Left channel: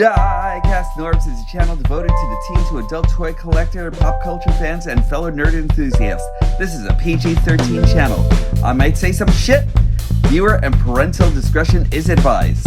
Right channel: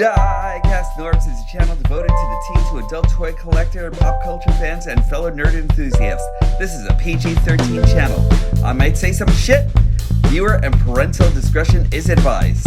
Diecast Norbs is a channel devoted to the teen to adult toy collector, pop culture fans, and fellow nerd enthusiasts. This is a PG-13 channel. I might say some shit. Viewer and parental discretion is advised.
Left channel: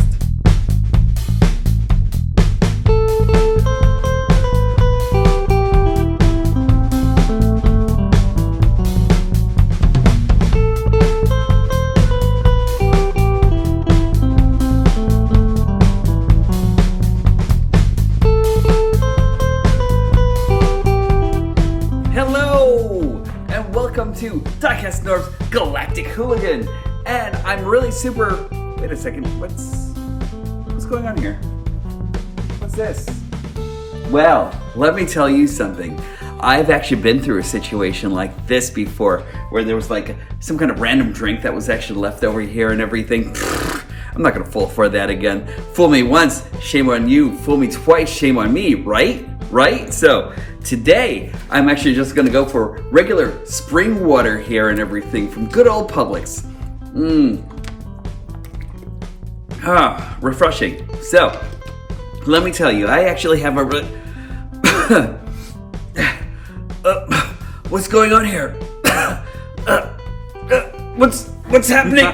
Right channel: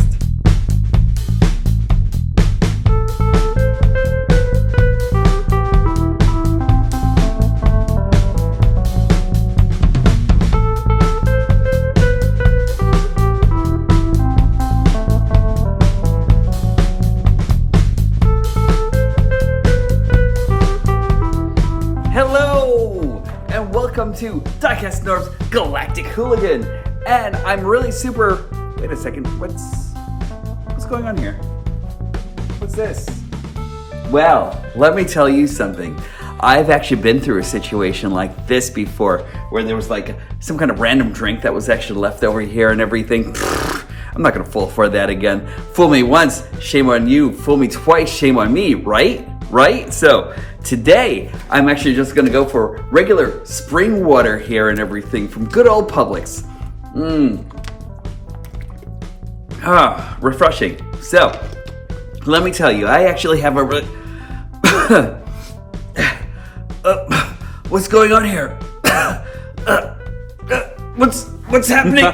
Welcome to Diecast Norbs Galactic Hooligan, and I'm really super. Wait a second, what's going on here? What's this? Well, let me tell you something. I've actually been through a situation like this before, where there was like some kind of random drink that was actually left over here and everything. I'm not gonna fall for that again. Fool me once, shame on you. Fool me twice, shame on me, right? So today, I'm actually just gonna go for regular spring water here and everything from good old Publix. Refreshing. So, let me tell you, I actually have a what's going on here? What's happening?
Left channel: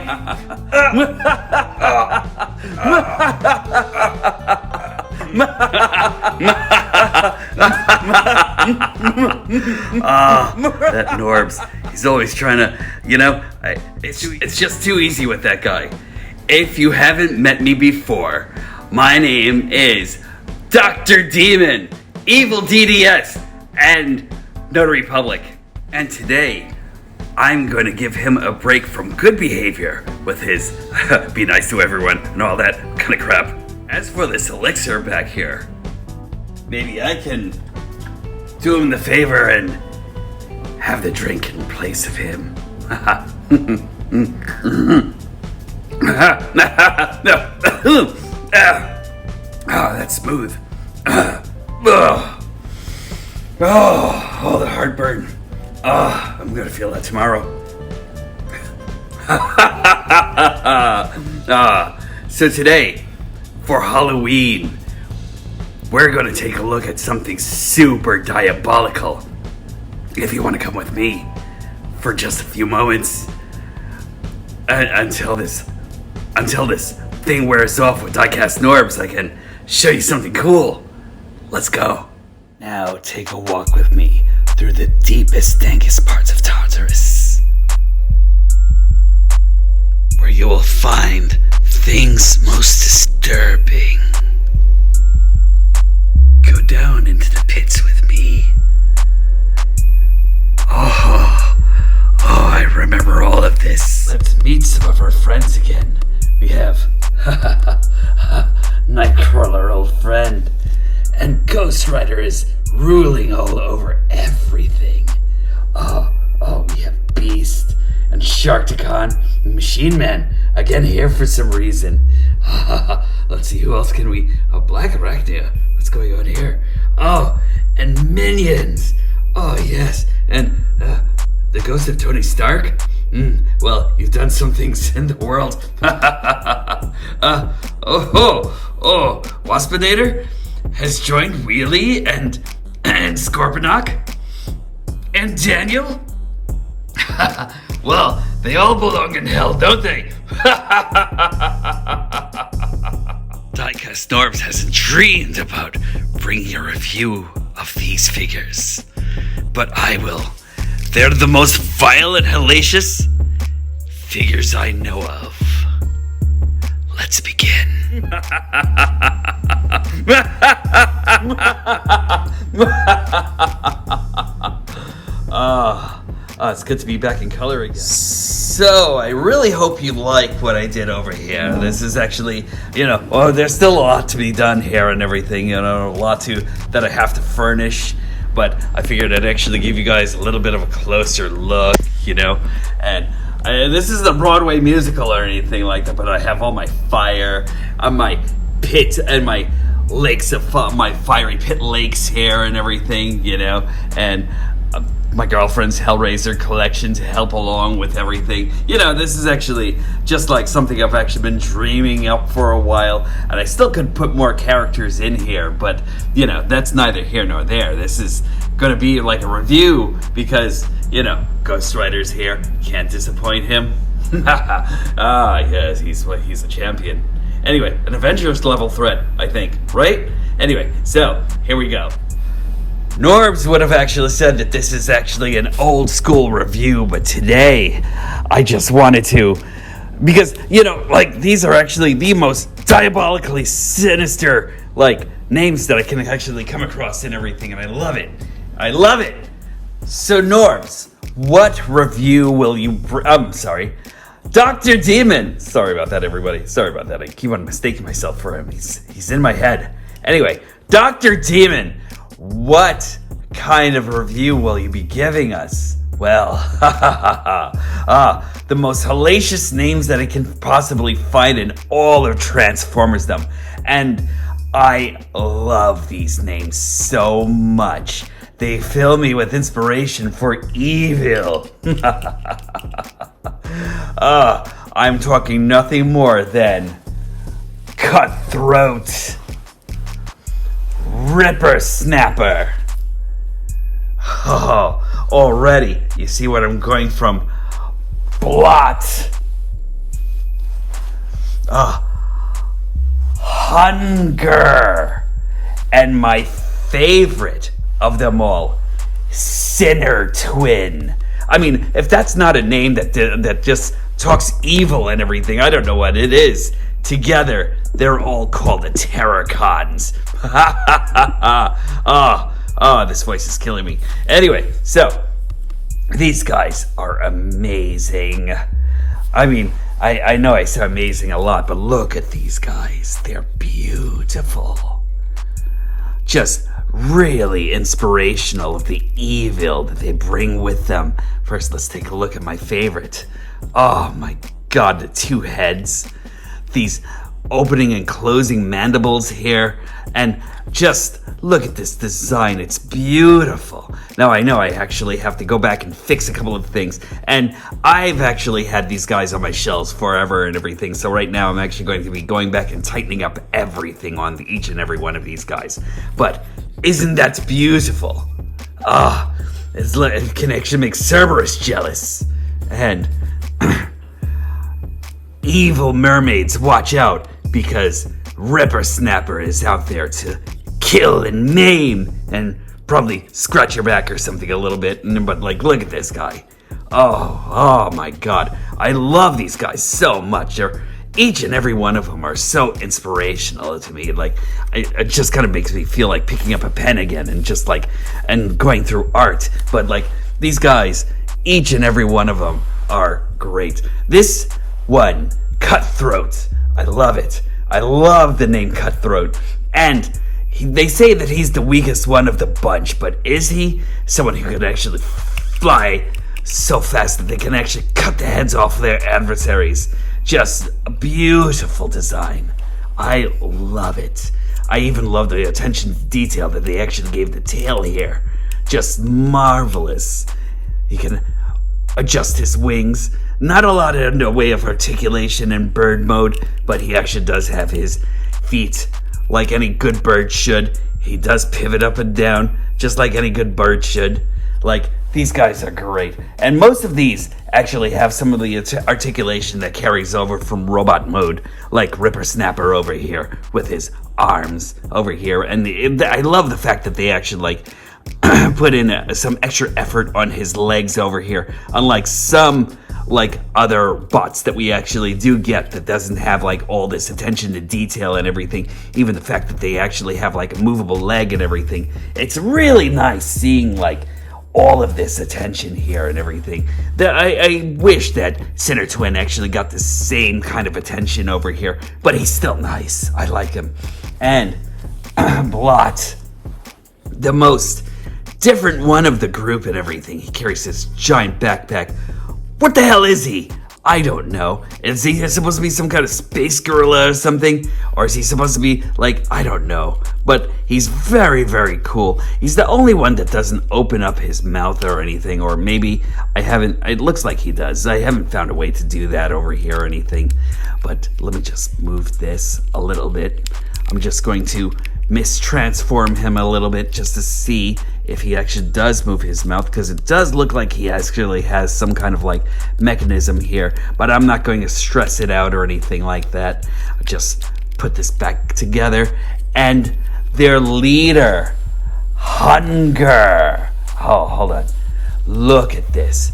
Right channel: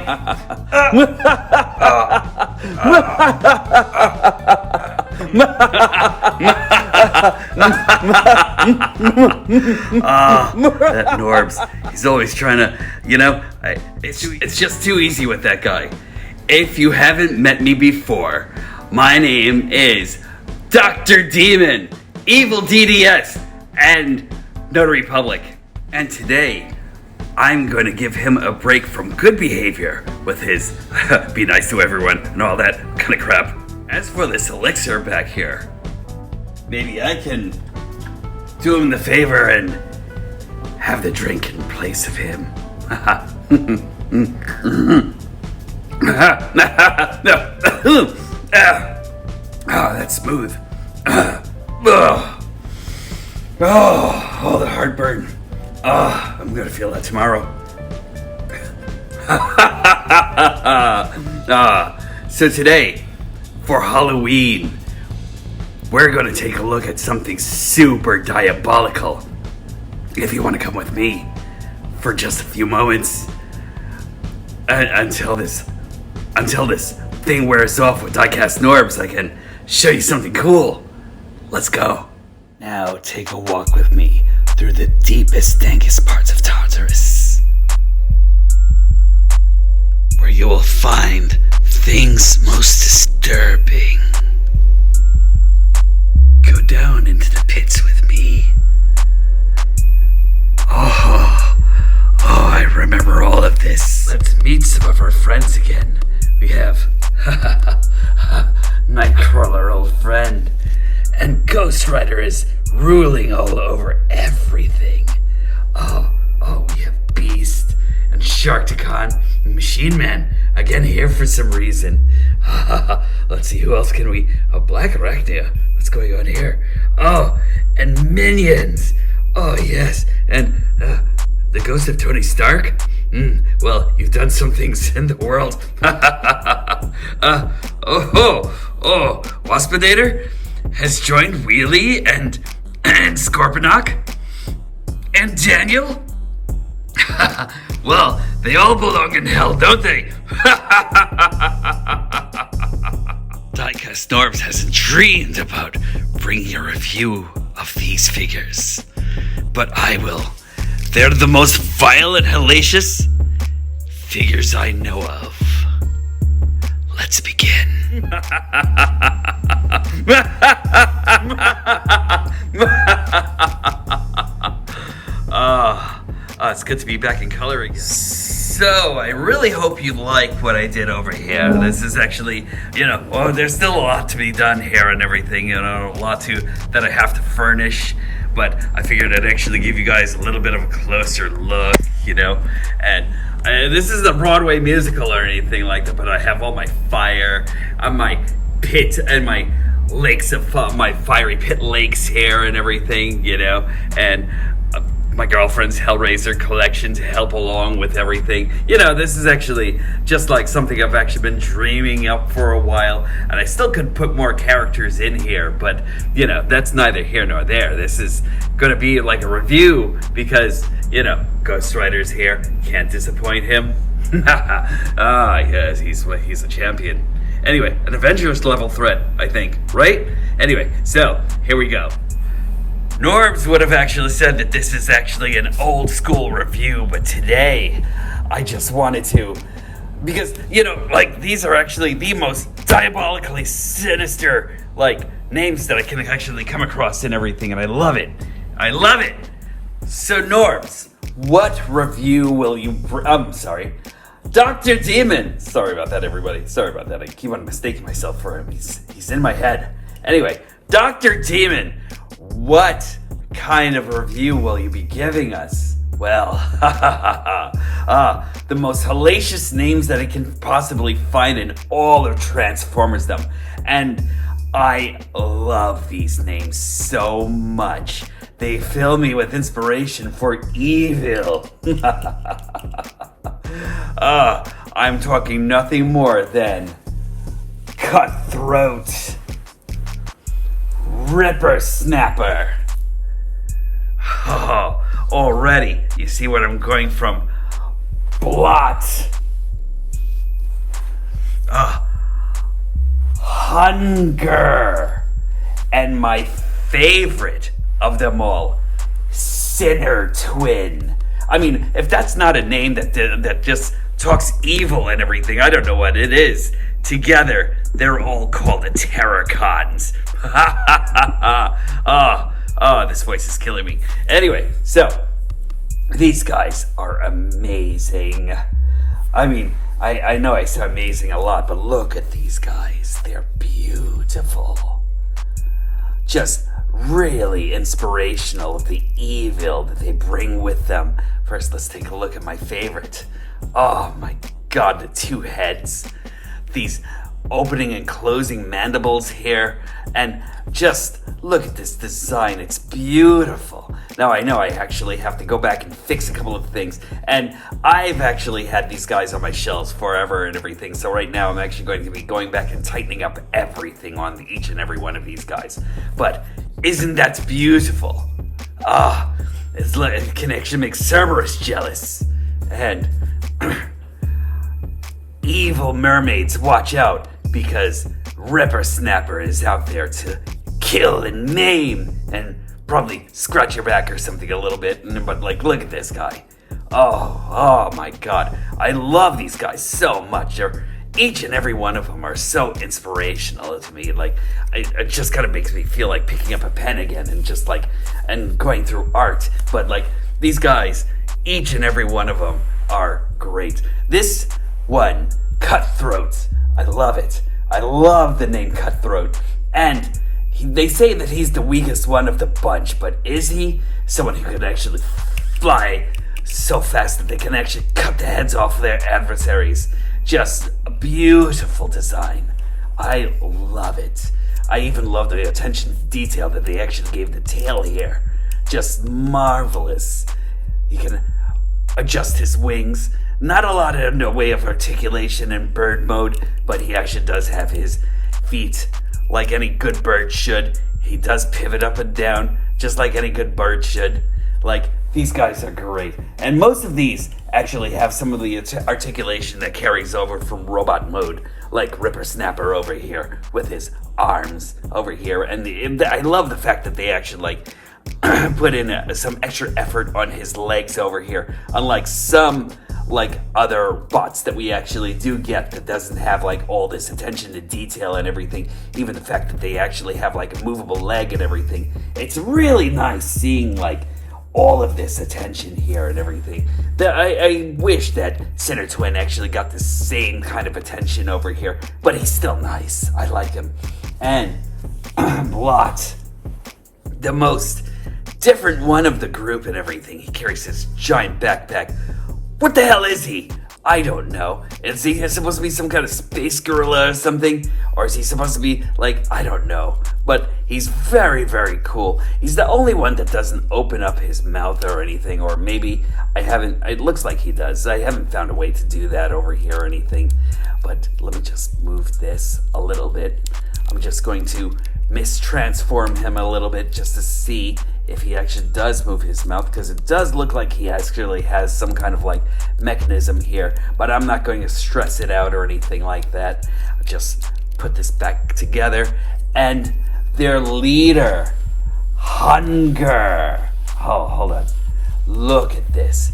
That Norbs. He's always trying to, it's just too easy with that guy. If you haven't met me before, my name is Dr. Demon, Evil DDS, and Notary Public. And today, I'm going to give him a break from good behavior with his be nice to everyone and all that kind of crap. As for this elixir back here, maybe I can do him the favor and have the drink in place of him. That's smooth. The heartburn. I'm gonna feel that tomorrow. So today, for Halloween, we're gonna take a look at something super diabolical. If you want to come with me for just a few moments until this thing wears off with Diecast Norbs, I can show you something cool. Let's go. Now take a walk with me through the deepest, dankest parts of Tartarus, where you will find things most disturbing. Go down into the pits with me. I remember all of this. Let's meet some of our friends again. We have Nightcrawler, old friend, and Ghost Rider is ruling all over everything. We have Beast and Sharkticon and Machine Man again here for some reason. Let's see, who else can we? Black Arachnia. What's going on here? And Minions. Yes, and the ghost of Tony Stark. Well, you've done some things in the world. Waspinator has joined Wheelie and Scorponok and Daniel. Well, they all belong in hell, don't they? Diecast Norbs hasn't dreamed about bringing a review of these figures, but I will. They're the most vile and hellacious figures I know of. Let's begin. It's good to be back in color again. So, I really hope you like what I did over here. This is actually, there's still a lot to be done here and everything, a lot that I have to furnish. But I figured I'd actually give you guys a little bit of a closer look, And this isn't a Broadway musical or anything like that, but I have all my fire on my pit and my lakes of my fiery pit lakes here and everything, And my girlfriend's Hellraiser collection to help along with everything. You know, this is actually just like something I've actually been dreaming up for a while, and I still could put more characters in here, but, you know, that's neither here nor there. This is going to be like a review because, you know, Ghost Rider's here. Can't disappoint him. Yes, he's a champion. Anyway, an Avengers level threat, I think, right? Anyway, so, here we go. Norbs would have actually said that this is actually an old school review, but today I just wanted to, because, you know, like, these are actually the most diabolically sinister, like, names that I can actually come across and everything, and I love it. I love it. So, Norbs, what review will you, Dr. Demon. Sorry about that, everybody. Sorry about that. I keep on mistaking myself for him. He's in my head. Anyway, Dr. Demon, what kind of review will you be giving us? Well, the most hellacious names that I can possibly find in all of Transformers-dom. And I love these names so much. They fill me with inspiration for evil. I'm talking nothing more than Cutthroat, Ripper Snapper. Oh, already, you see what I'm going from. Blot. Hunger. And my favorite of them all, Sinner Twin. I mean, if that's not a name that just talks evil and everything, I don't know what it is. Together, they're all called the Terracons. This voice is killing me. Anyway, so, these guys are amazing. I mean, I know I say amazing a lot, but look at these guys. They're beautiful. Just really inspirational of the evil that they bring with them. First, let's take a look at my favorite. Oh my god, the two heads. These opening and closing mandibles here. And just look at this design. It's beautiful. Now, I know I actually have to go back and fix a couple of things. And I've actually had these guys on my shelves forever and everything. So right now, I'm actually going to be going back and tightening up everything on each and every one of these guys. But isn't that beautiful? It can actually make Cerberus jealous. And evil mermaids, watch out, because Ripper Snapper is out there to kill and maim and probably scratch your back or something a little bit. But like, look at this guy. Oh my god. I love these guys so much. Each and every one of them are so inspirational to me. Like, it just kind of makes me feel like picking up a pen again and just like, and going through art. But like, these guys, each and every one of them are great. This one, Cutthroat. I love it. I love the name Cutthroat. And they say that he's the weakest one of the bunch, but is he? Someone who can actually fly so fast that they can actually cut the heads off their adversaries. Just a beautiful design. I love it. I even love the attention to detail that they actually gave the tail here. Just marvelous. He can adjust his wings. Not a lot in the way of articulation in bird mode, but he actually does have his feet like any good bird should. He does pivot up and down, just like any good bird should. Like, these guys are great. And most of these actually have some of the articulation that carries over from robot mode, like Ripper Snapper over here with his arms over here. And I love the fact that they actually like put in some extra effort on his legs over here, unlike some like other bots that we actually do get that doesn't have like all this attention to detail and everything. Even the fact that they actually have like a movable leg and everything. It's really nice seeing like all of this attention here and everything. I wish that Sinner Twin actually got the same kind of attention over here, but he's still nice. I like him. And Blot, the most different one of the group and everything. He carries this giant backpack. What the hell is he? I don't know. Is he supposed to be some kind of space gorilla or something? Or is he supposed to be, like, I don't know. But he's very, very cool. He's the only one that doesn't open up his mouth or anything. Or maybe it looks like he does. I haven't found a way to do that over here or anything. But let me just move this a little bit. I'm just going to mistransform him a little bit just to see if he actually does move his mouth, because it does look like he actually has some kind of like mechanism here, but I'm not going to stress it out or anything like that. I'll just put this back together, and their leader, Hunger. Oh, hold on. Look at this.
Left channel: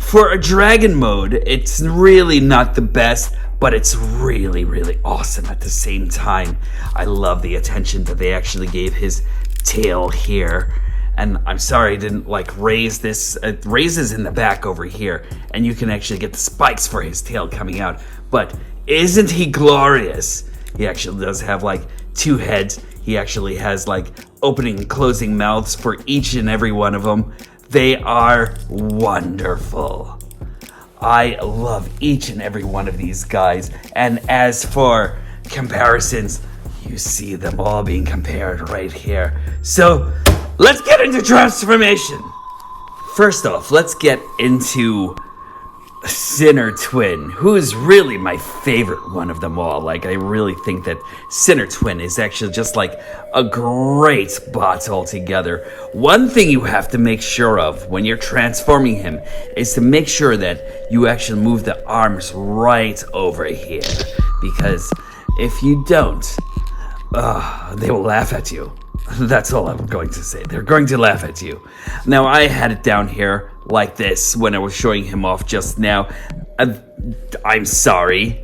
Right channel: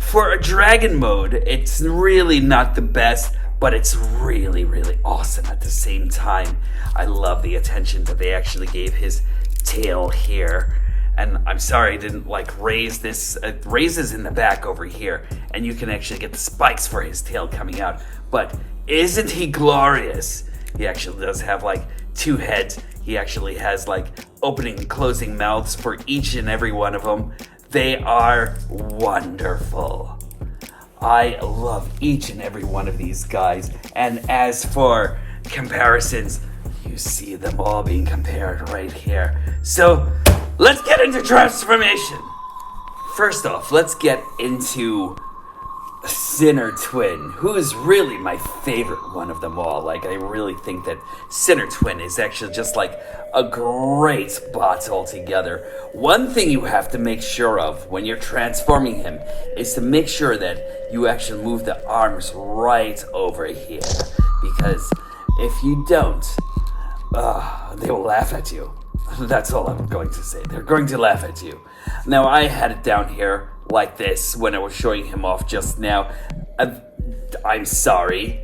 For a dragon mode, it's really not the best, but it's really, really awesome at the same time. I love the attention that they actually gave his tail here. And I'm sorry I didn't like raise this. It raises in the back over here, and you can actually get the spikes for his tail coming out. But isn't he glorious? He actually does have like 2 heads. He actually has like opening and closing mouths for each and every one of them. They are wonderful. I love each and every one of these guys. And as for comparisons, you see them all being compared right here. So let's get into transformation. First off, let's get into Sinner Twin, who is really my favorite one of them all. Like, I really think that Sinner Twin is actually just like a great bot altogether. One thing you have to make sure of when you're transforming him is to make sure that you actually move the arms right over here. Because if you don't, they will laugh at you. That's all I'm going to say. They're going to laugh at you. Now, I had it down here like this when I was showing him off just now. I'm sorry,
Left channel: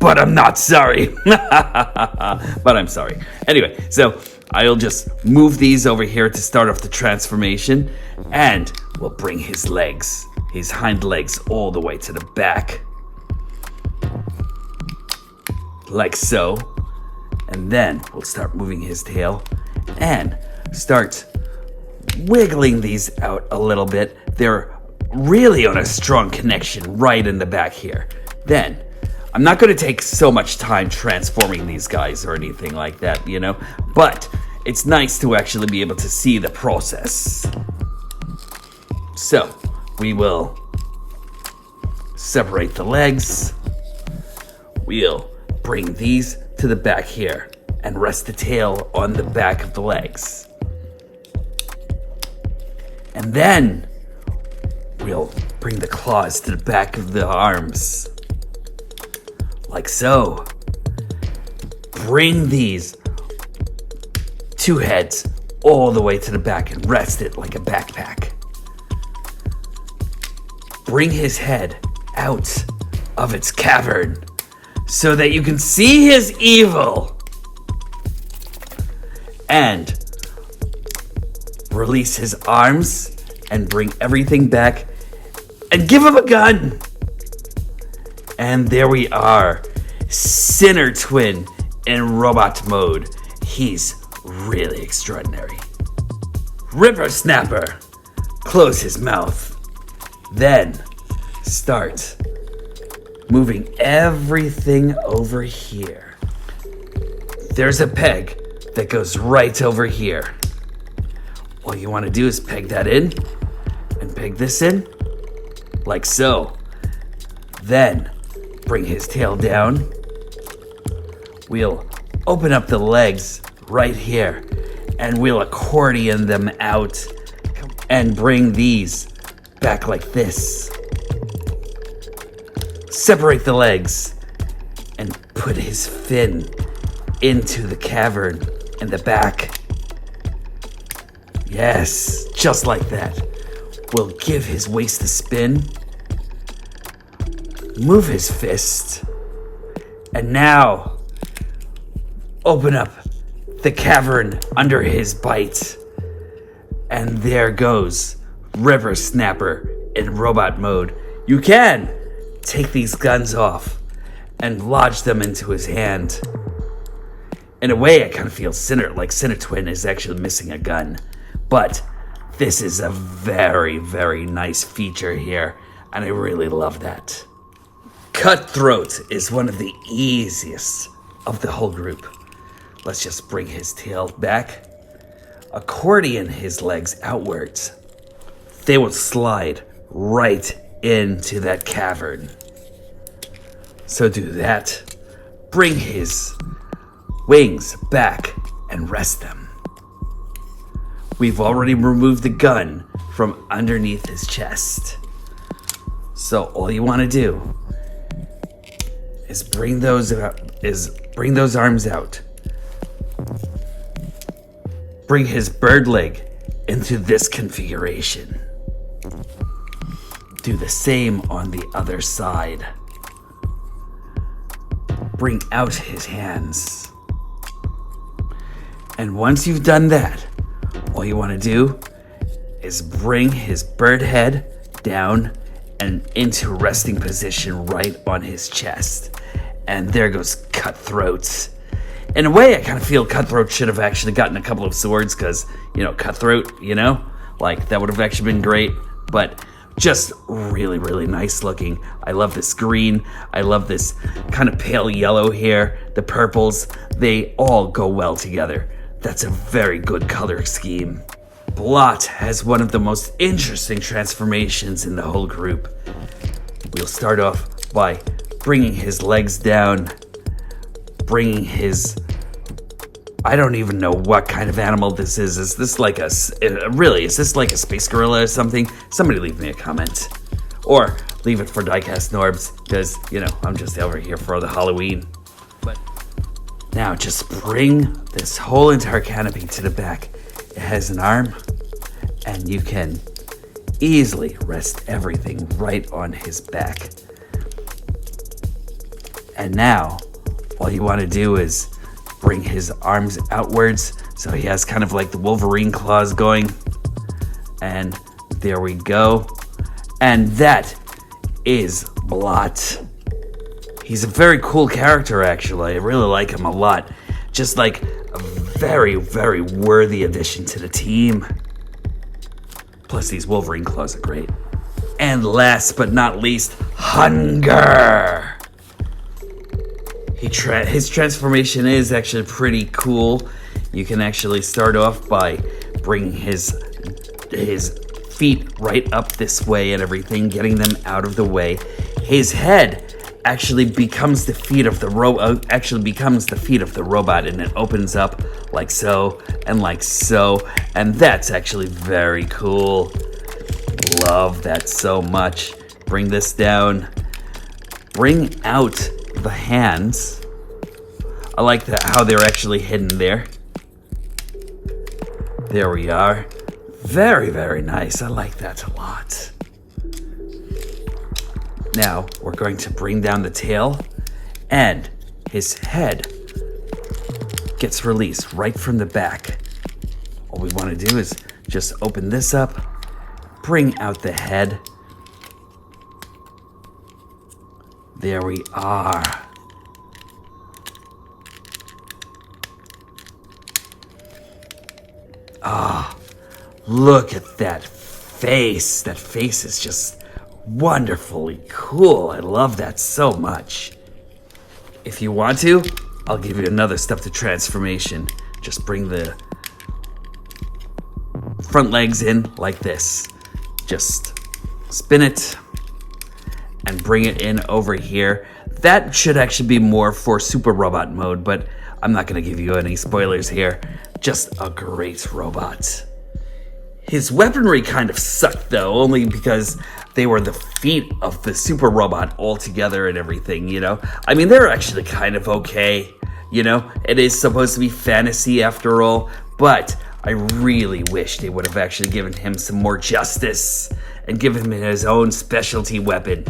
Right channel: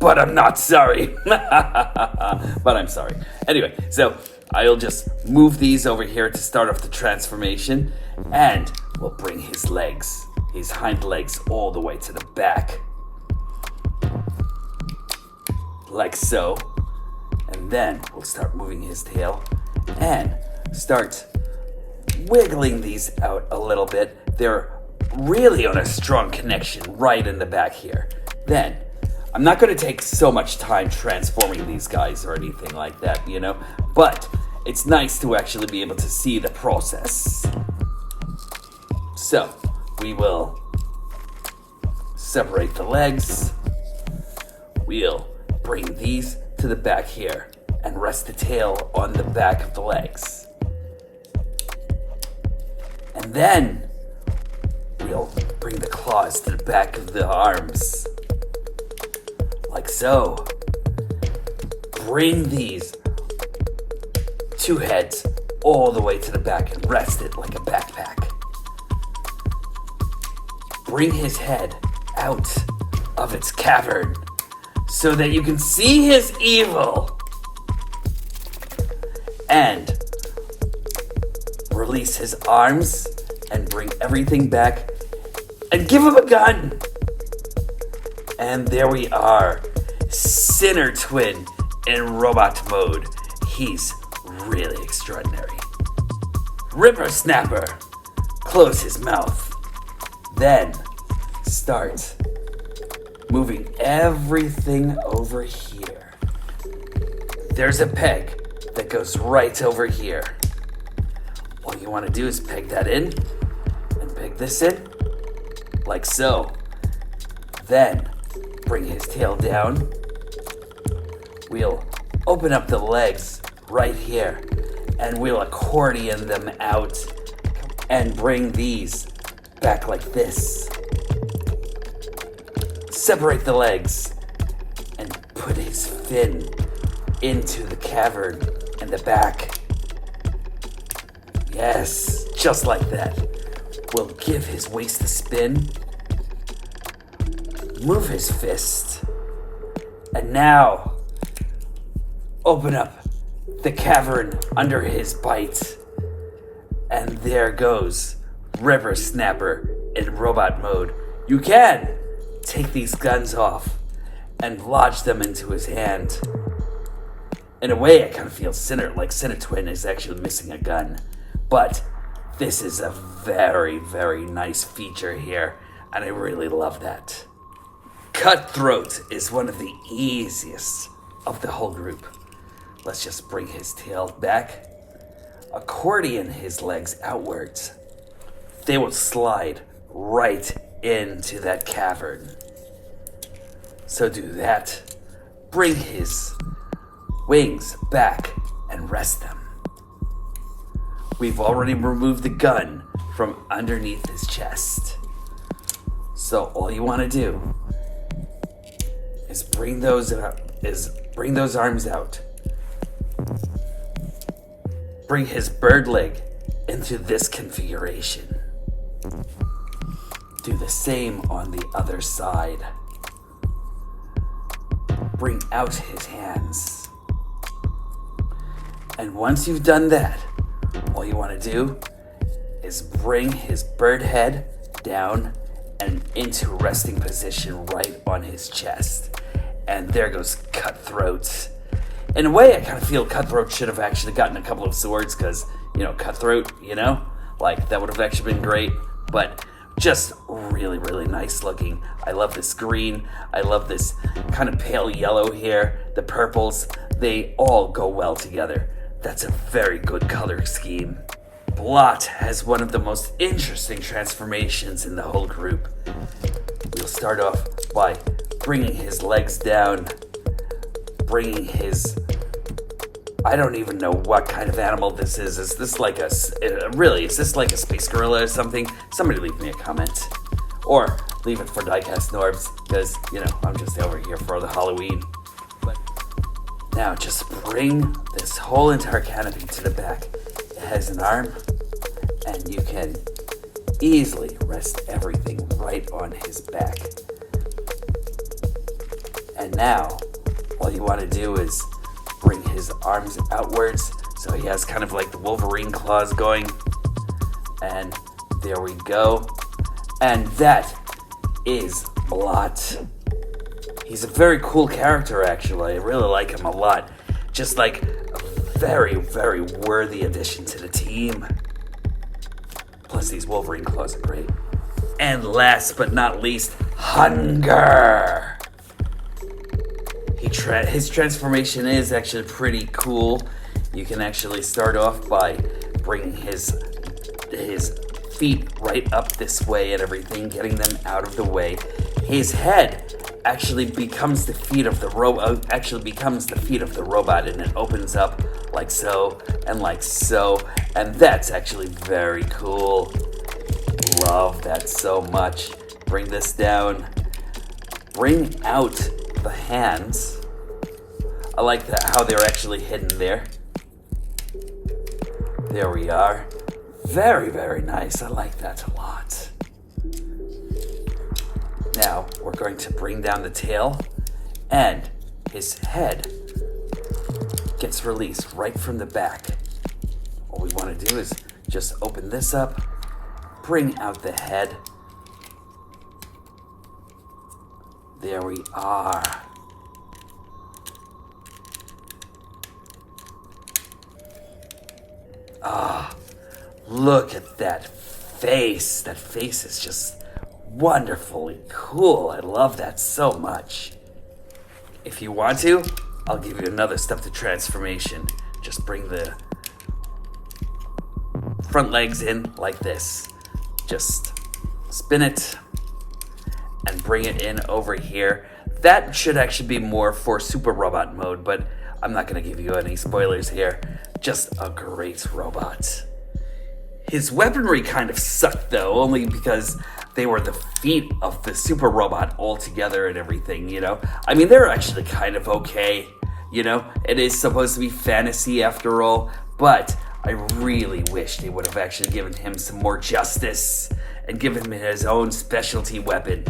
but I'm not sorry. But I'm sorry. Anyway, so I'll just move these over here to start off the transformation, and we'll bring his legs, his hind legs, all the way to the back. Like so. And then we'll start moving his tail and start wiggling these out a little bit. They're really on a strong connection right in the back here. Then, I'm not going to take so much time transforming these guys or anything like that, you know? But it's nice to actually be able to see the process. So, we will separate the legs. We'll bring these to the back here and rest the tail on the back of the legs. And then we'll bring the claws to the back of the arms. Like so. Bring these 2 heads all the way to the back and rest it like a backpack. Bring his head out of its cavern so that you can see his evil. And release his arms and bring everything back and give him a gun. And there we are. Sinner Twin in robot mode. He's really extraordinary. River Snapper. Close his mouth. Then start moving everything over here. There's a peg that goes right over here. All you want to do is peg that in and peg this in like so. Then bring his tail down. We'll open up the legs right here and we'll accordion them out and bring these back like this. Separate the legs and put his fin into the cavern and the back. Yes, just like that. We'll give his waist a spin. Move his fist. And now, open up the cavern under his bite. And there goes River Snapper in robot mode. You can take these guns off and lodge them into his hand. In a way, I kind of feel Sinner Twin is actually missing a gun. But this is a very, very nice feature here, and I really love that. Cutthroat is one of the easiest of the whole group. Let's just bring his tail back. Accordion his legs outwards. They will slide right into that cavern. So do that. Bring his wings back and rest them. We've already removed the gun from underneath his chest. So all you want to do is bring those arms out. Bring his bird leg into this configuration. Do the same on the other side. Bring out his hands. And once you've done that, all you want to do is bring his bird head down and into resting position right on his chest. And there goes Cutthroat. In a way, I kind of feel Cutthroat should have actually gotten a couple of swords because, Cutthroat, like that would have actually been great. But just really, really nice looking. I love this green. I love this kind of pale yellow here. The purples, they all go well together. That's a very good color scheme. Blot has one of the most interesting transformations in the whole group. We'll start off by bringing his legs down, bringing his... I don't even know what kind of animal this is. Is this like is this like a space gorilla or something? Somebody leave me a comment. Or leave it for Diecast Norbs, because, I'm just over here for the Halloween. But now just bring this whole entire canopy to the back. It has an arm, and you can easily rest everything right on his back. And now, all you want to do is bring his arms outwards, so he has kind of like the Wolverine claws going. And there we go. And that is Blot. He's a very cool character, actually. I really like him a lot. Just like a very, very worthy addition to the team. Plus these Wolverine claws are great. And last but not least, Hunger. His transformation is actually pretty cool. You can actually start off by bringing his feet right up this way and everything, getting them out of the way. His head actually becomes the feet of the robot. And it opens up like so and like so, and that's actually very cool. Love that so much. Bring this down. Bring out the hands. I like how they're actually hidden there. There we are. Very, very nice. I like that a lot. Now, we're going to bring down the tail, and his head gets released right from the back. All we want to do is just open this up, bring out the head. There we are. Ah, look at that face. That face is just wonderfully cool. I love that so much. If you want to, I'll give you another step to transformation. Just bring the front legs in like this. Just spin it and bring it in over here. That should actually be more for super robot mode, but I'm not going to give you any spoilers here. Just a great robot. His weaponry kind of sucked though, only because they were the feet of the super robot all together and everything, I mean, they're actually kind of okay, It is supposed to be fantasy after all, but I really wish they would have actually given him some more justice and given him his own specialty weapon.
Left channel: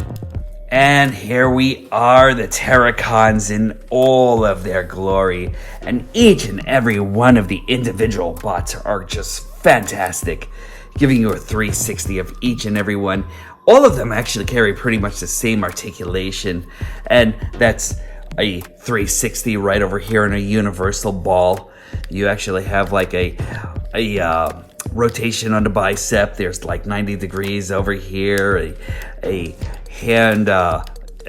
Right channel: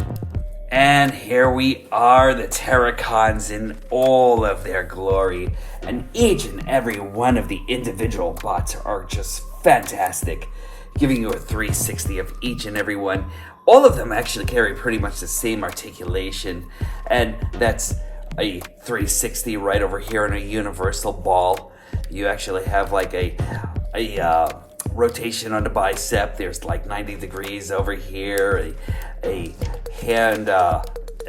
And here we are, the Terracons in all of their glory. And each and every one of the individual bots are just fantastic, giving you a 360 of each and every one. All of them actually carry pretty much the same articulation, and that's a 360 right over here in a universal ball. You actually have like a rotation on the bicep. There's like 90 degrees over here, a hand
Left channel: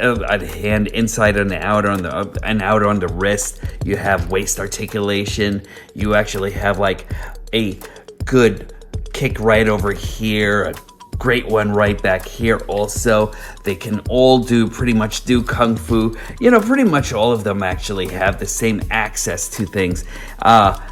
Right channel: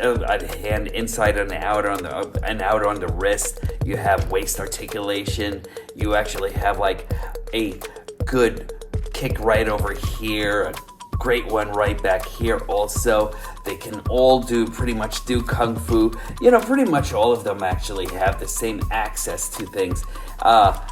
a hand inside and out on the wrist. You have waist articulation. You actually have like a good kick right over here, a great one right back here also. They can all pretty much do kung fu. You know, pretty much all of them actually have the same access to things.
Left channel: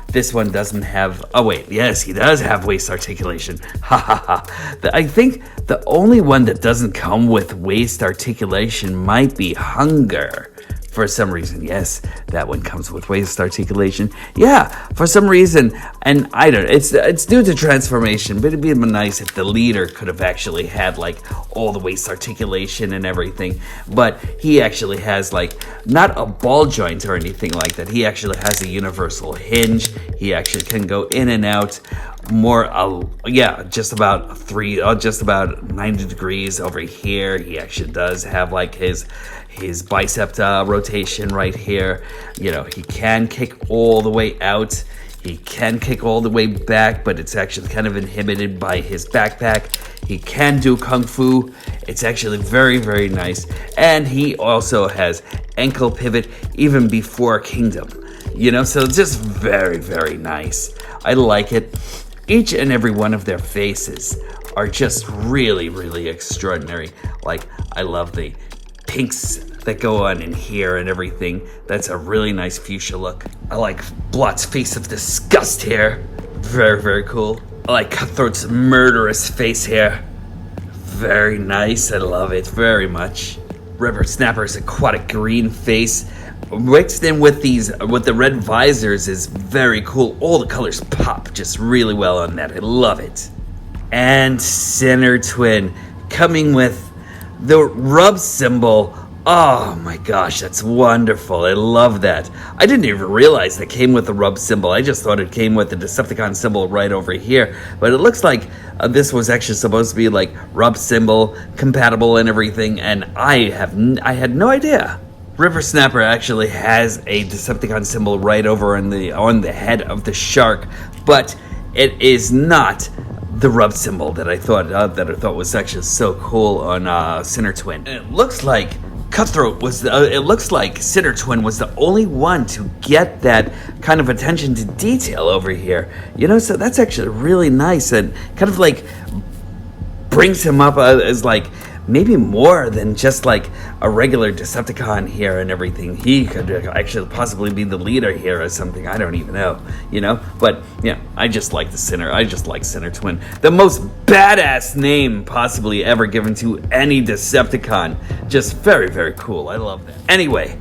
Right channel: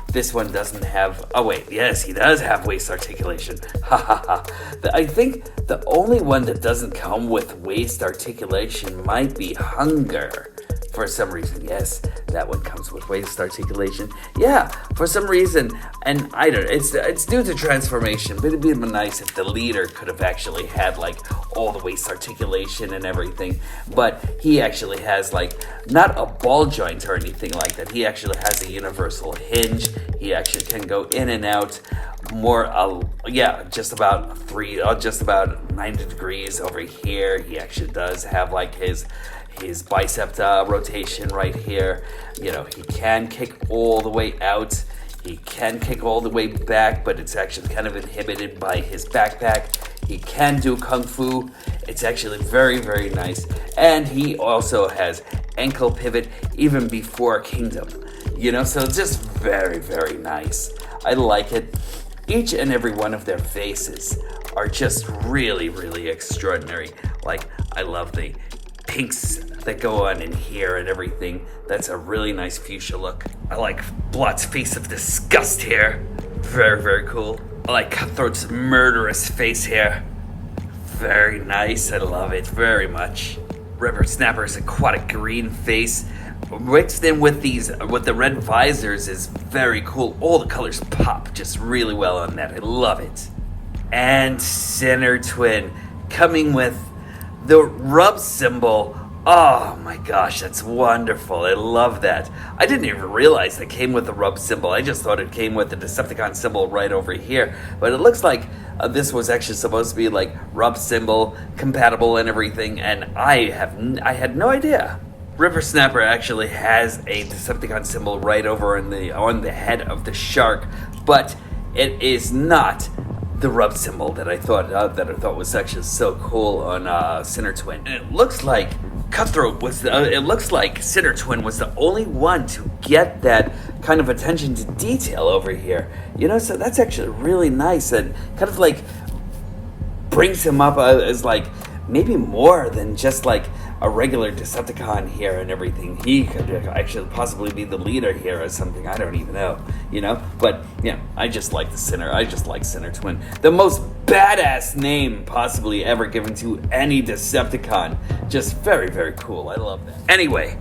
This one doesn't have, oh wait, yes, he does have waist articulation. Ha ha ha. I think the only one that doesn't come with waist articulation might be hunger. For some reason, yes, that one comes with waist articulation. Yeah, for some reason, and I don't know, it's due to transformation, but it'd be nice if the leader could have actually had like all the waist articulation and everything. But he actually has like not a ball joint or anything like that. He actually has a universal hinge. He actually can go in and out more, just about 90 degrees over here. He actually does have like his bicep rotation right here. You know, he can kick all the way out. He can kick all the way back, but it's actually kind of inhibited by his backpack. He can do kung fu. It's actually very, very nice. And he also has ankle pivot even before kingdom. You know, so it's just very, very nice. I like it. Each and every one of their faces are just really, really extraordinary. Like, I love the pinks that go on in here and everything. That's a really nice fuchsia look. I like Blot's face of disgust here. Very, very cool. I like Cutthroat's murderous face here. Very nice. I love it very much. River Snapper's aquatic green face mixed in with the red visors is very cool. All the colors pop just really well on that. I love it. And Sinner Twin coming with the rub symbol. Oh my gosh, that's wonderful. I love that. I didn't even realize it came with the rub symbol. I just thought it came with the Decepticon symbol right over here. But it looks like this was actually supposed to be like rub symbol compatible and everything, and I had no idea. River Snapper actually has a Decepticon symbol right over on the head of the shark, but it is not the rub symbol that I thought was actually so cool on Sinner Twin. It looks like Sinner Twin was the only one to get that kind of attention to detail over here. You know, so that's actually really nice and kind of like brings him up as like maybe more than just like a regular Decepticon here and everything. He could actually possibly be the leader here or something. I don't even know, you know? But, yeah, I just like Sinner Twin. The most badass name possibly ever given to any Decepticon. Just very, very cool. I love it. Anyway,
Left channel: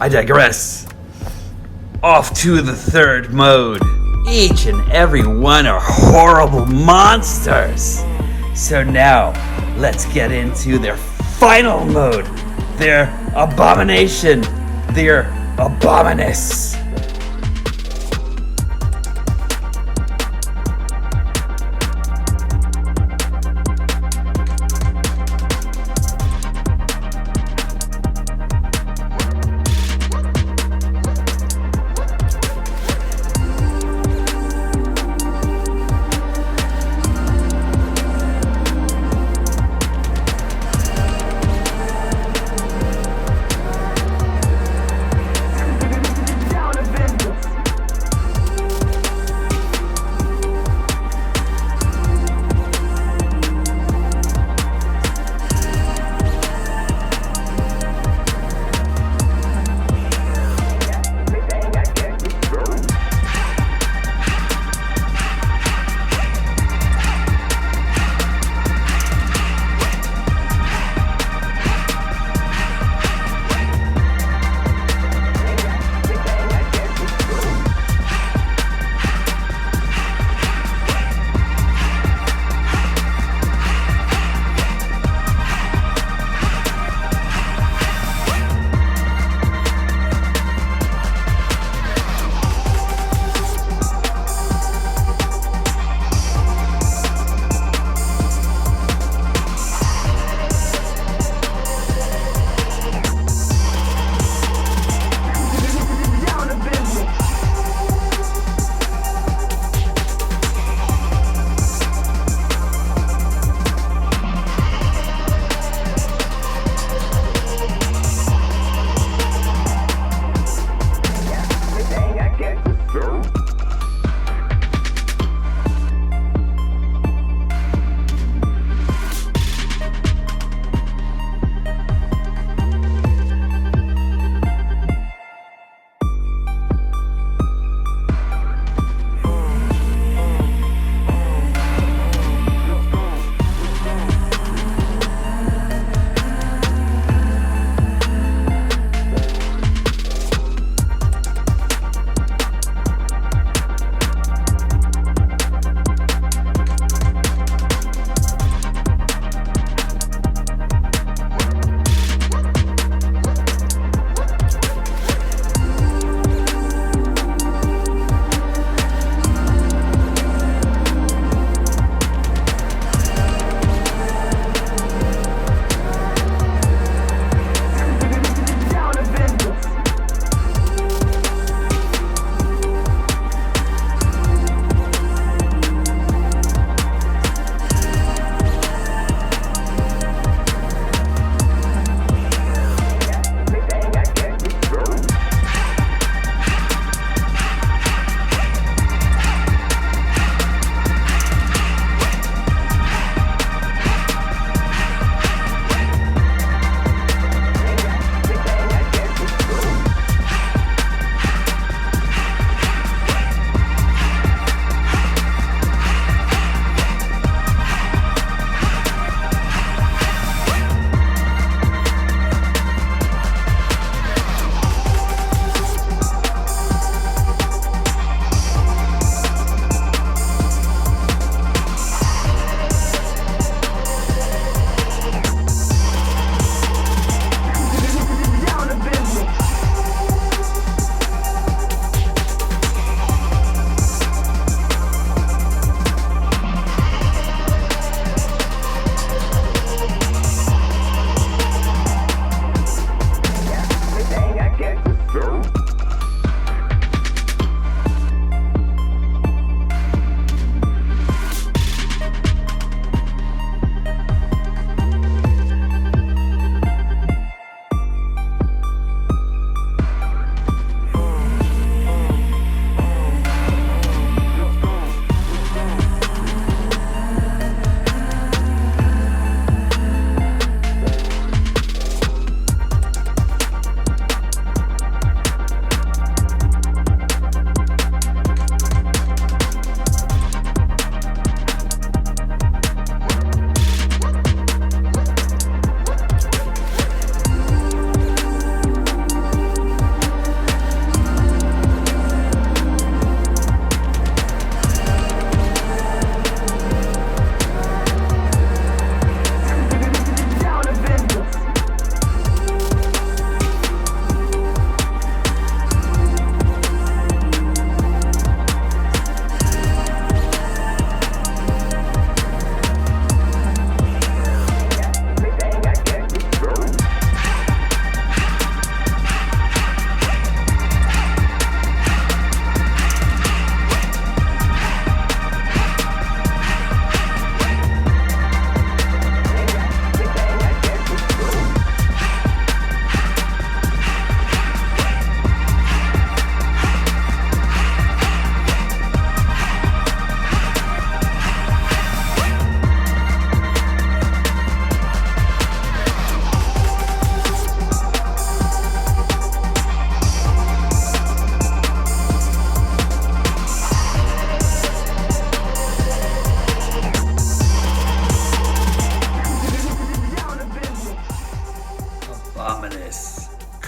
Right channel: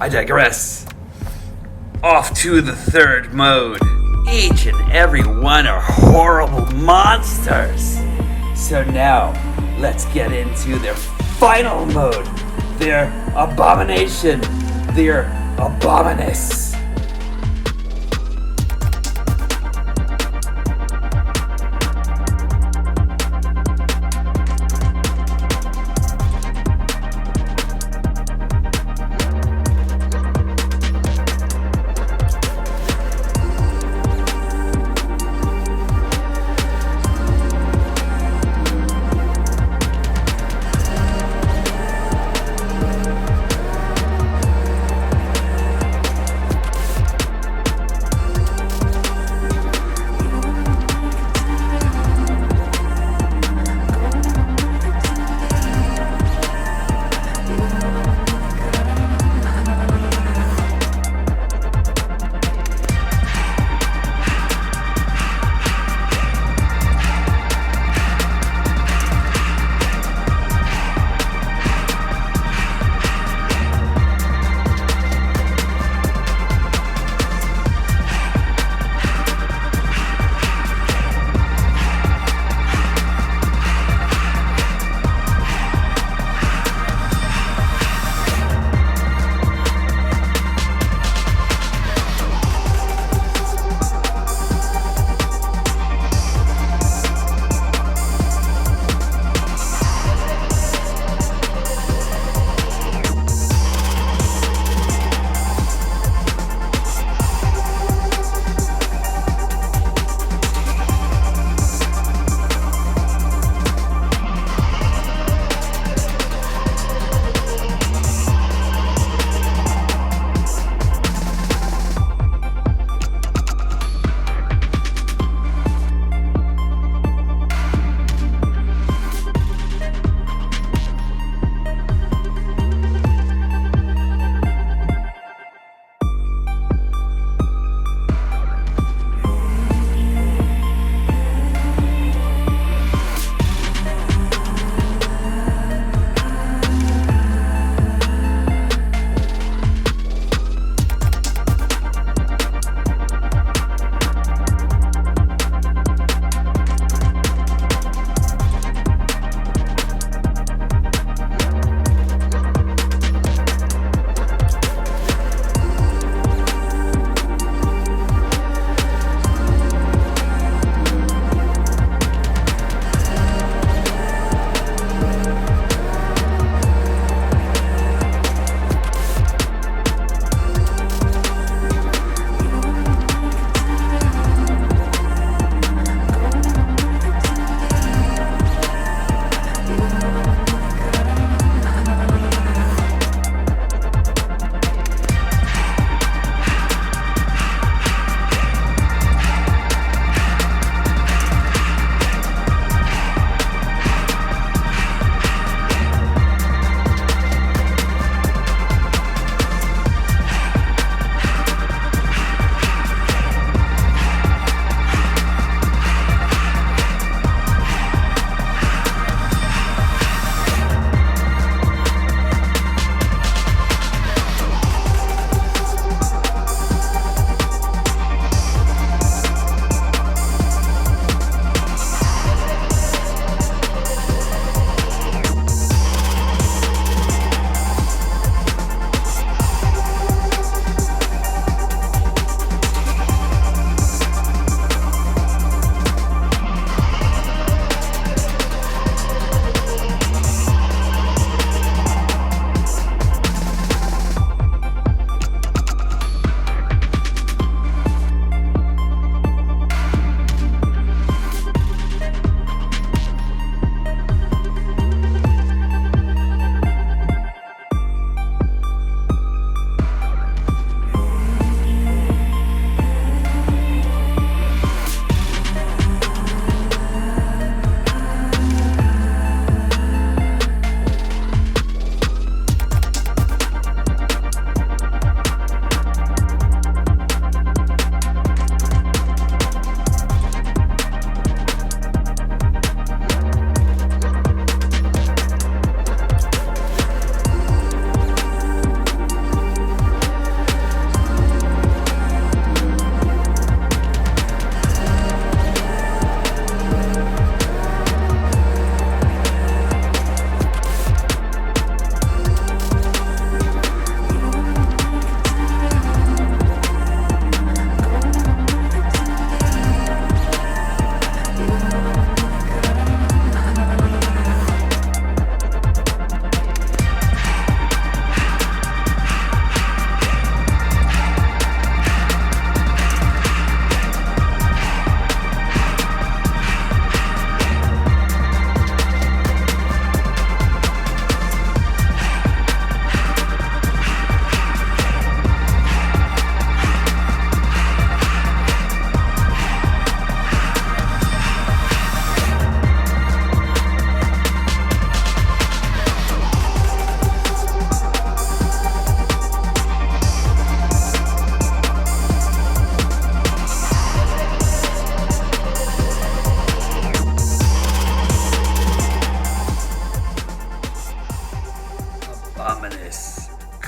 I digress. Off to the third mode. Each and every one are horrible monsters. So now, let's get into their final mode, their abomination, their Abominus.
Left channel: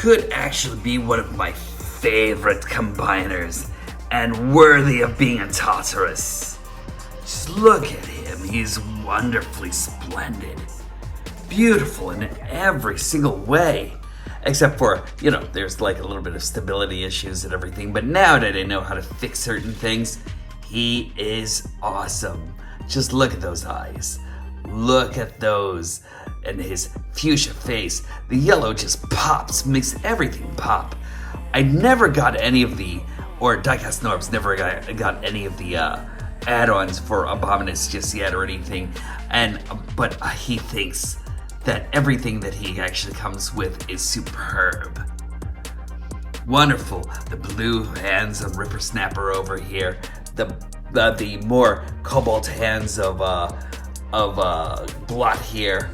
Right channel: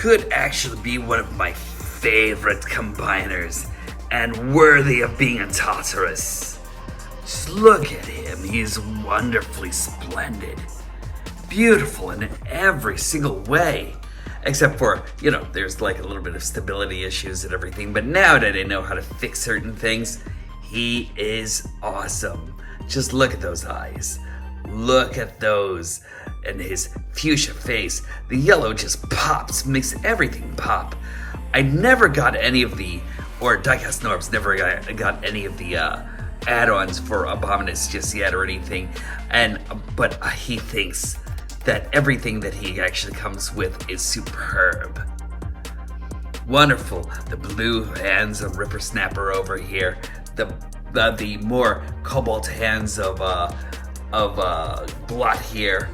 could actually be one of my favorite combiners and worthy of being a Tartarus. Just look at him, he's wonderfully splendid. Beautiful in every single way. Except for, there's like a little bit of stability issues and everything, but now that I know how to fix certain things, he is awesome. Just look at those eyes. Look at those. And his fuchsia face. The yellow just pops, makes everything pop. I never got any of Diecast Norbs never got any of the add-ons for Abominus just yet or anything. But he thinks that everything that he actually comes with is superb. Wonderful. The blue hands of Ripper Snapper over here. The more cobalt hands of Blot here.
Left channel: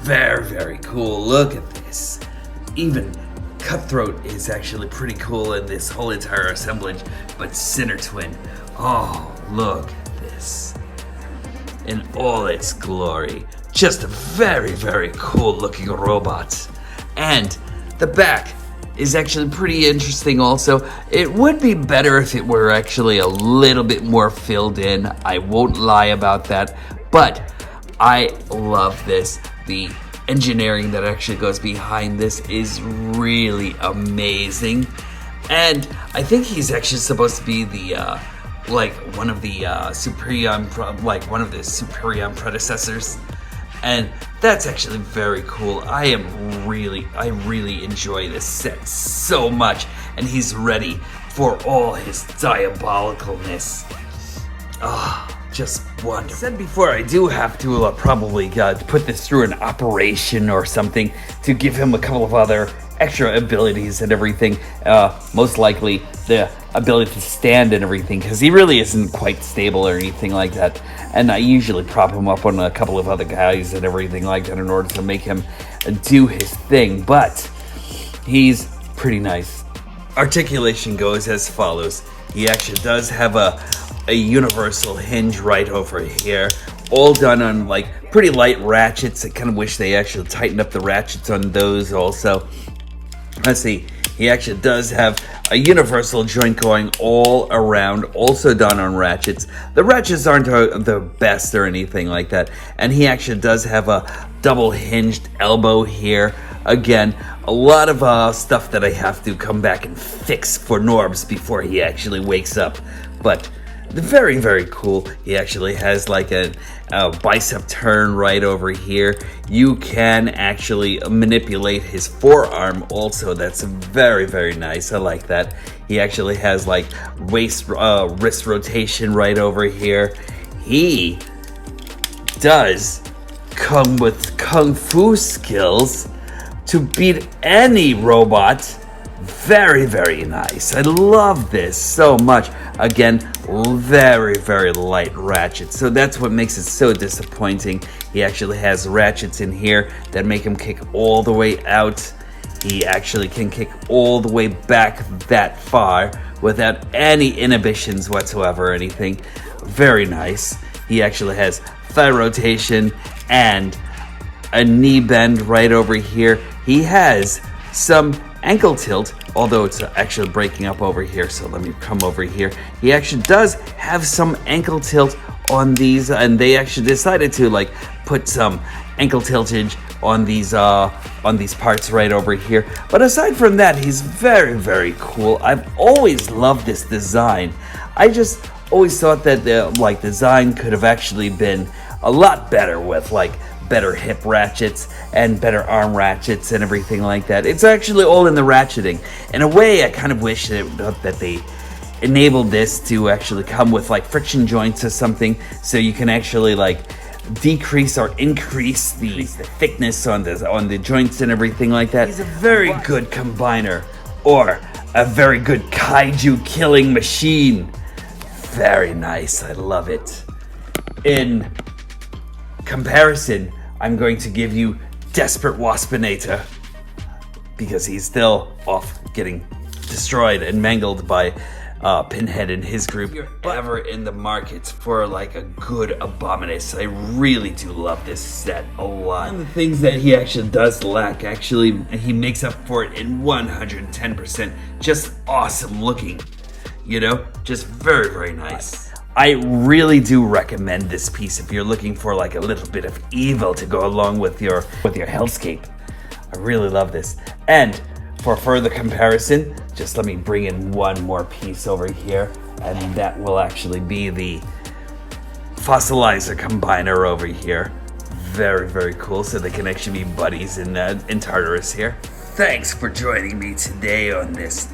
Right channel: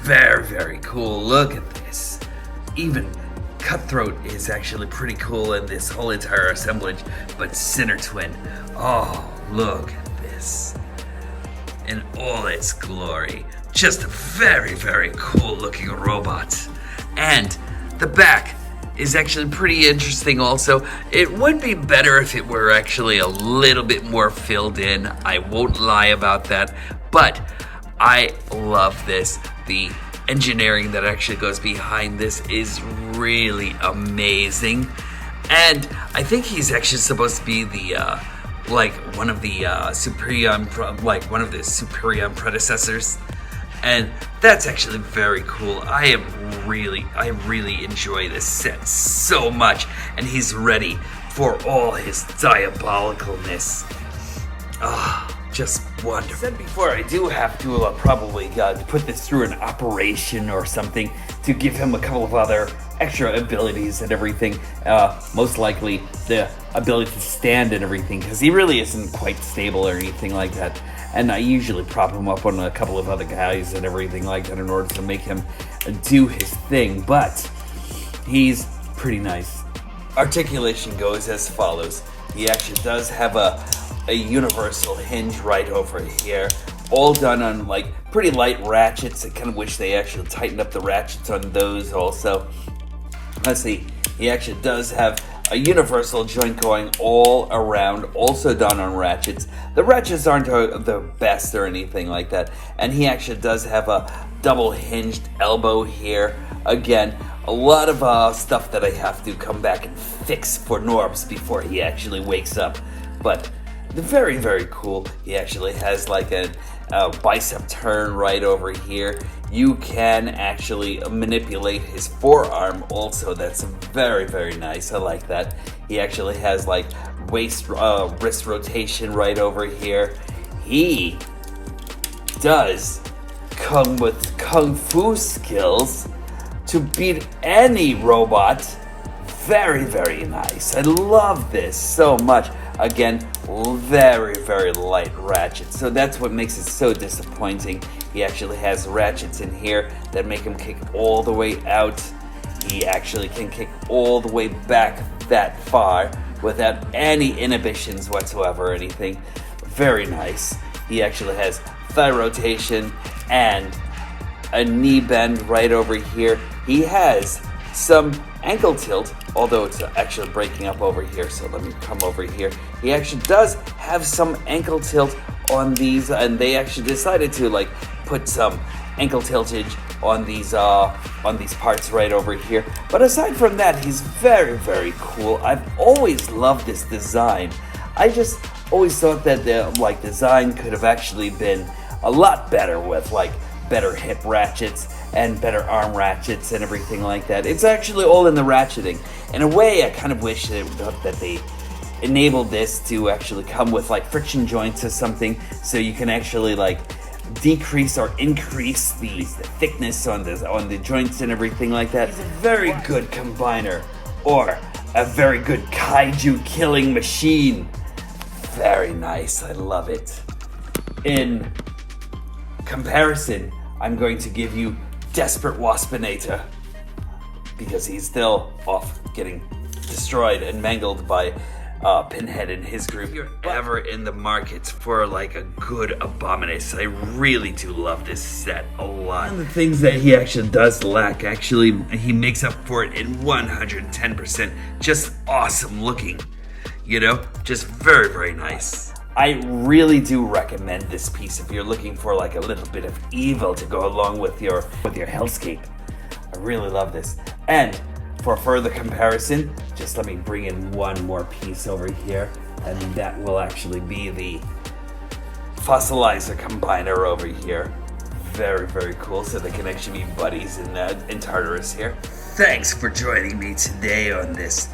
Very, very cool. Look at this. Even Cutthroat is actually pretty cool in this whole entire assemblage, but Sinner Twin, oh, look at this. In all its glory. Just a very, very cool looking robot. And the back is actually pretty interesting also. It would be better if it were actually a little bit more filled in. I won't lie about that, but I love this. The engineering that actually goes behind this is really amazing. And I think he's actually supposed to be the one of the Superion predecessors. And that's actually very cool. I really enjoy this set so much, and he's ready for all his diabolicalness. Just wonderful. I said before, I do have to probably put this through an operation or something to give him a couple of other extra abilities and everything. Most likely the ability to stand and everything, because he really isn't quite stable or anything like that. And I usually prop him up on a couple of other guys and everything like that in order to make him do his thing. But he's pretty nice. Articulation goes as follows. He actually does have a universal hinge right over here, all done on pretty light ratchets. I kind of wish they actually tightened up the ratchets on those also. Let's see, he actually does have a universal joint going all around, also done on ratchets. The ratchets aren't the best or anything like that, and he actually does have a double hinged elbow here. Again, a lot of stuff that I have to come back and fix for Norbs before he actually wakes up, but very, very cool. He actually has a bicep turn right over here. You can actually manipulate his forearm also. That's very, very nice. I like that. He actually has wrist rotation right over here. He does come with kung fu skills to beat any robot. Very, very nice. I love this so much. Again, very, very light ratchets. So that's what makes it so disappointing. He actually has ratchets in here that make him kick all the way out. He actually can kick all the way back that far without any inhibitions whatsoever or anything. Very nice. He actually has thigh rotation and a knee bend right over here. He has some ankle tilt, although it's actually breaking up over here, so let me come over here. He actually does have some ankle tilt on these, and they actually decided to put some ankle tiltage on these parts right over here. But aside from that, he's very, very cool. I've always loved this design. I just always thought that the design could have actually been a lot better with better hip ratchets and better arm ratchets and everything like that. It's actually all in the ratcheting. In a way, I kind of wish that they enabled this to actually come with friction joints or something, so you can actually decrease or increase the thickness on the joints and everything like that. He's a very good combiner, or a very good kaiju killing machine. Very nice. I love it. In comparison, I'm going to give you Desperate Waspinator, because he's still off getting destroyed and mangled by Pinhead and his group. If you're ever in the market for like a good Abominus, I really do love this set a lot. One of the things that he actually does lack, he makes up for it in 110%. Just awesome looking, you know? Just very, very nice. I really do recommend this piece if you're looking for like a little bit of evil to go along with your hellscape. I really love this. And for further comparison, just let me bring in one more piece over here, and that will actually be the fossilizer combiner over here. Very, very cool, so they can actually be buddies in Tartarus here. Thanks for joining me today on this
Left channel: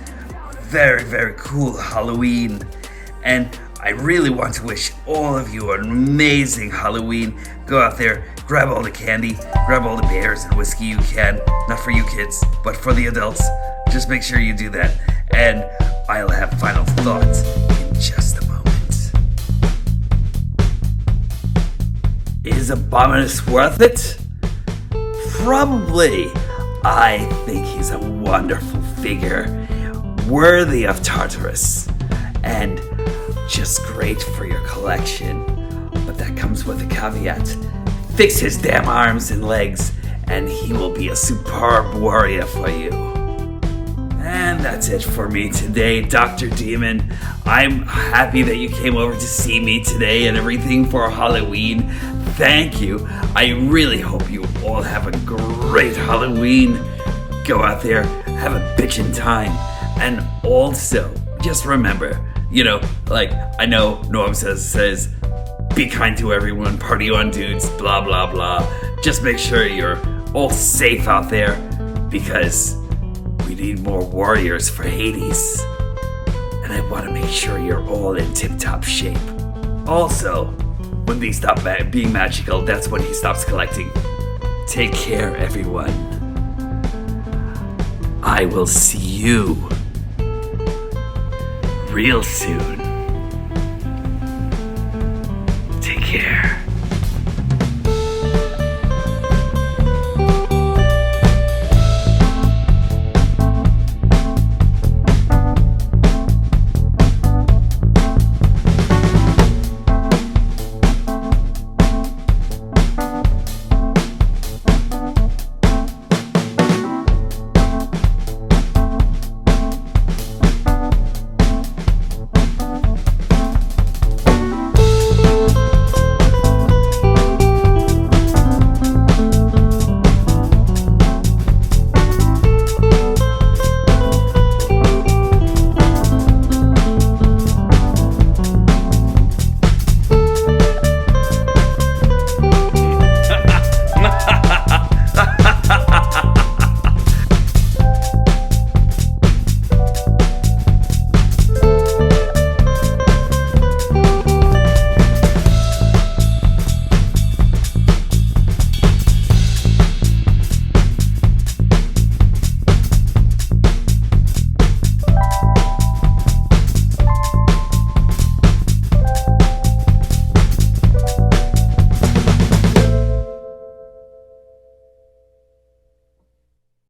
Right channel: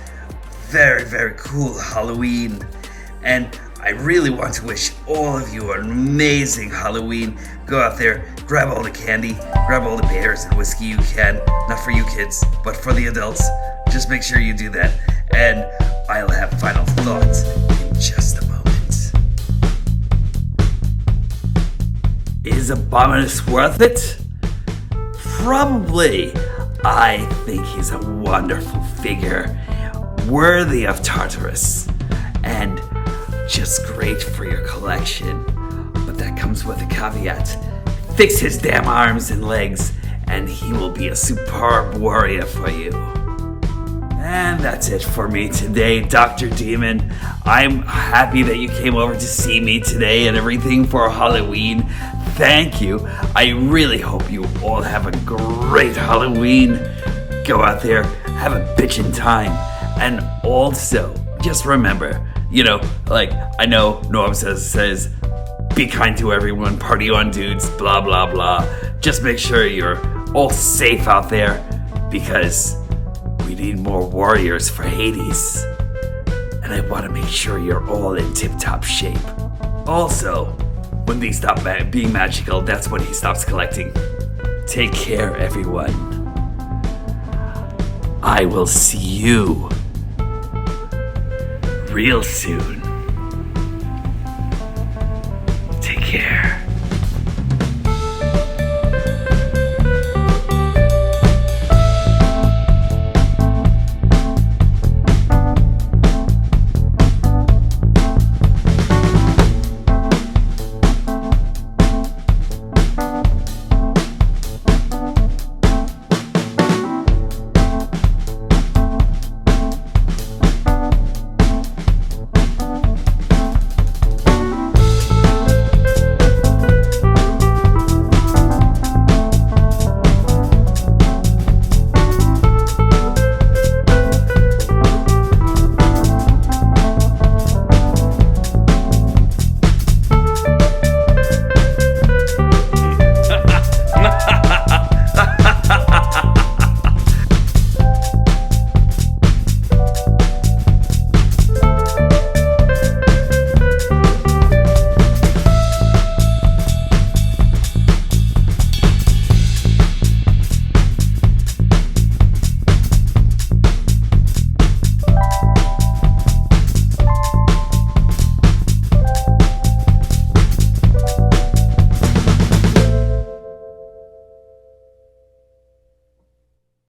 very, very cool Halloween, and I really want to wish all of you an amazing Halloween. Go out there, grab all the candy, grab all the beers and whiskey you can. Not for you kids, but for the adults. Just make sure you do that. And I'll have final thoughts in just a moment. Is Abominus worth it? Probably. I think he's a wonderful figure, worthy of Tartarus, and just great for your collection. But that comes with a caveat. Fix his damn arms and legs, and he will be a superb warrior for you. And that's it for me today, Dr. Demon. I'm happy that you came over to see me today and everything for Halloween. Thank you. I really hope you all have a great Halloween. Go out there, have a bitchin' time. And also, just remember, you know, like, I know Norm says, be kind to everyone, party on dudes, blah, blah, blah. Just make sure you're all safe out there, because we need more warriors for Hades. And I want to make sure you're all in tip-top shape. Also, when these stop being magical, that's when he stops collecting. Take care, everyone. I will see you real soon. Take care.